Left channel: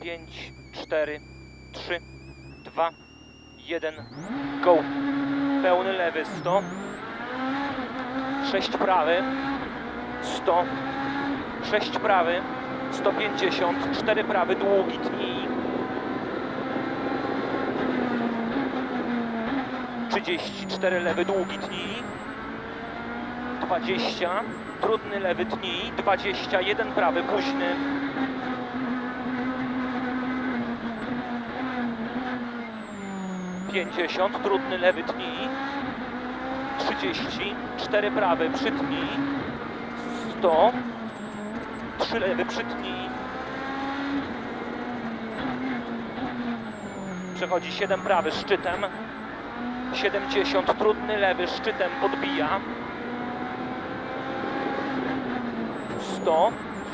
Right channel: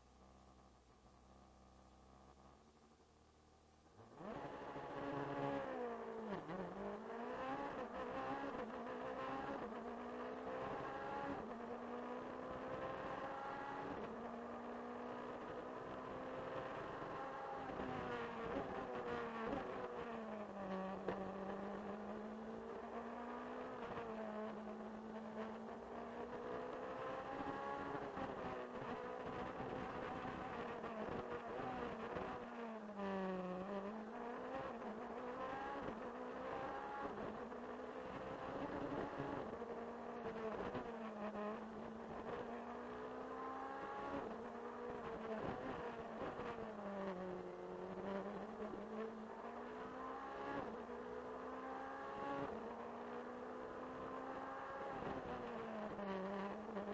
5, 4, 3, 2, 1, go. Pełny lewy 100, 6 prawy, 100, 6 prawy, 150, 4 prawy, długi tnij. 34 lewy, długi tnij. 20, trudny lewy tnij. 21 prawy, późny. 50, trudny lewy tnij. 30, 4 prawy, przytnij. 100, 3 lewy, przytnij. Przechodzi 7 prawy, szczytem. 70, trudny lewy, szczytem podbija. 100,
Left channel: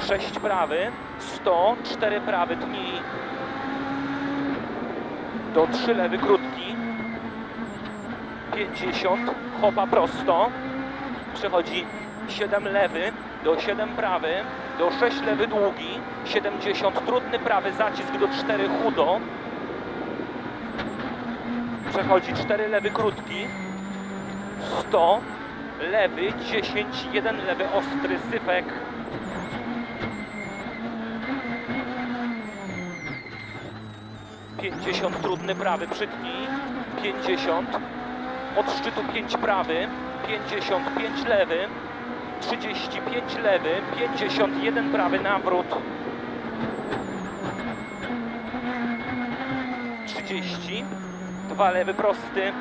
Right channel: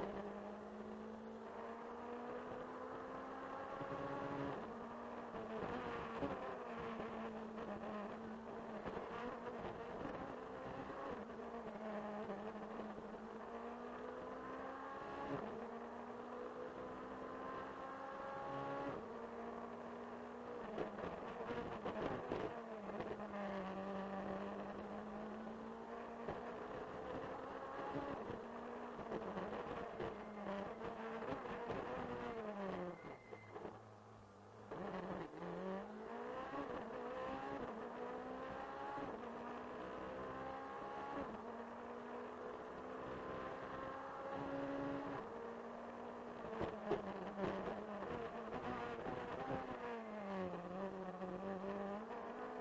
6 prawy, 100, 4 prawy, tnij. Do 3 lewy, krótki. 50, chopa prosto. Przechodzi 7 lewy, do 7 prawy, do 6 lewy, długi. 70, trudny prawy, zacisk do 4 chudo. Przechodzi 4 lewy krótki. 100 lewy 10 1 lewy ostry sypek. Pięćdziesiąt trudny prawy przytnij. Pięćdziesiąt od szczytu 5 prawy. Pięćdziesiąt pięć lewy. 35 lewy. 51 prawy nawrót. 30 dwa lewy prosty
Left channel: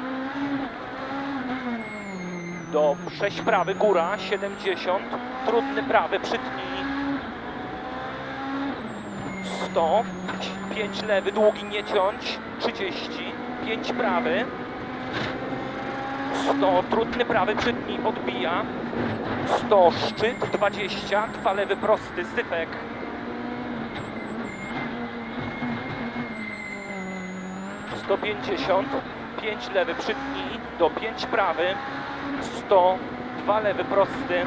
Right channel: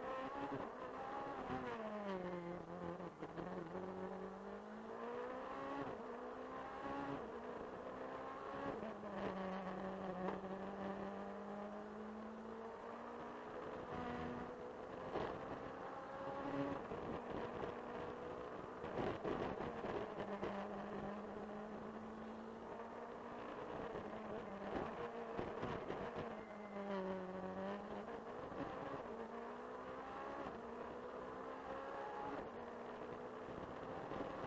do 6 prawy góra 70 trudny prawy przytnij 100 5 lewy długi nie ciąć 30 5 prawy 100 trudny prawy przytnij podbija 100 szczyt 20 dwa lewy prosty sypek. 150, 5 lewy przytnij, do 5 prawy, 100, 2 lewy prosty,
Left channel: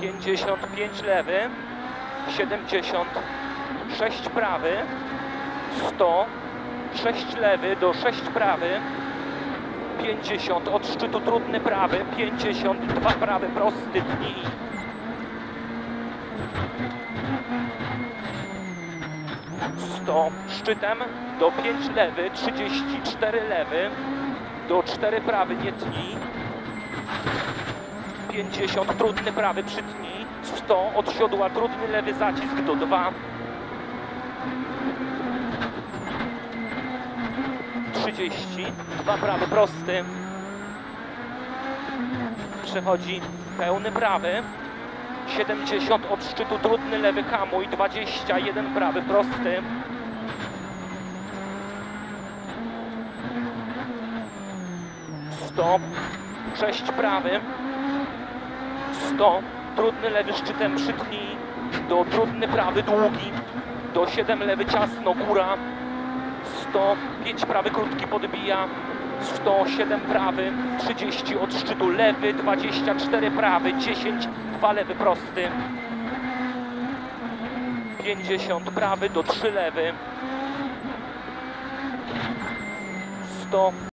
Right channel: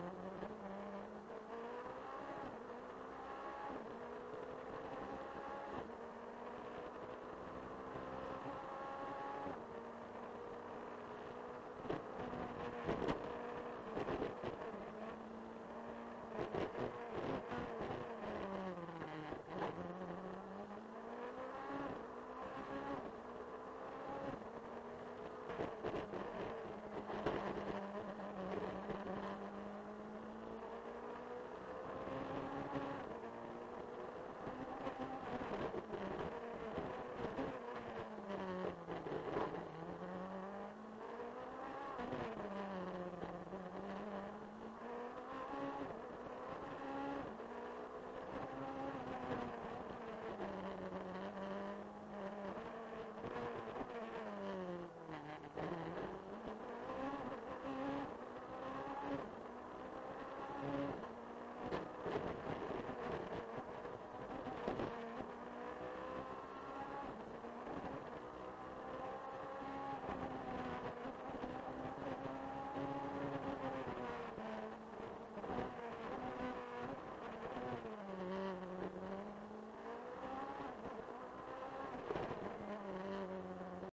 55 lewy, 70, 6 prawy, 100, 6 lewy do 6 prawy, 50 od szczytu trudny prawy, 52 prawy prosty tnij. 100 szczytem do 5 lewy, 34 lewy, do 4 prawy nie tnij, 50 trudny prawy przytnij, 100 od siodła trudny lewy zacisk do 2, 30, 2 prawy prosty, przechodzi pełny prawy, 70 od szczytu trudny lewy hamuj, 21 prawy prosty. Stop, 6 prawy, 100, trudny lewy szczytem przytnij, do trudny prawy długi, do 7 lewy ciasno góra, 100, 5 prawy krótki podbija, 107 prawy, 30 od szczytu lewy, 24 prawy, 10, 2 lewy prosty, 50 prawy do 3 lewy, 100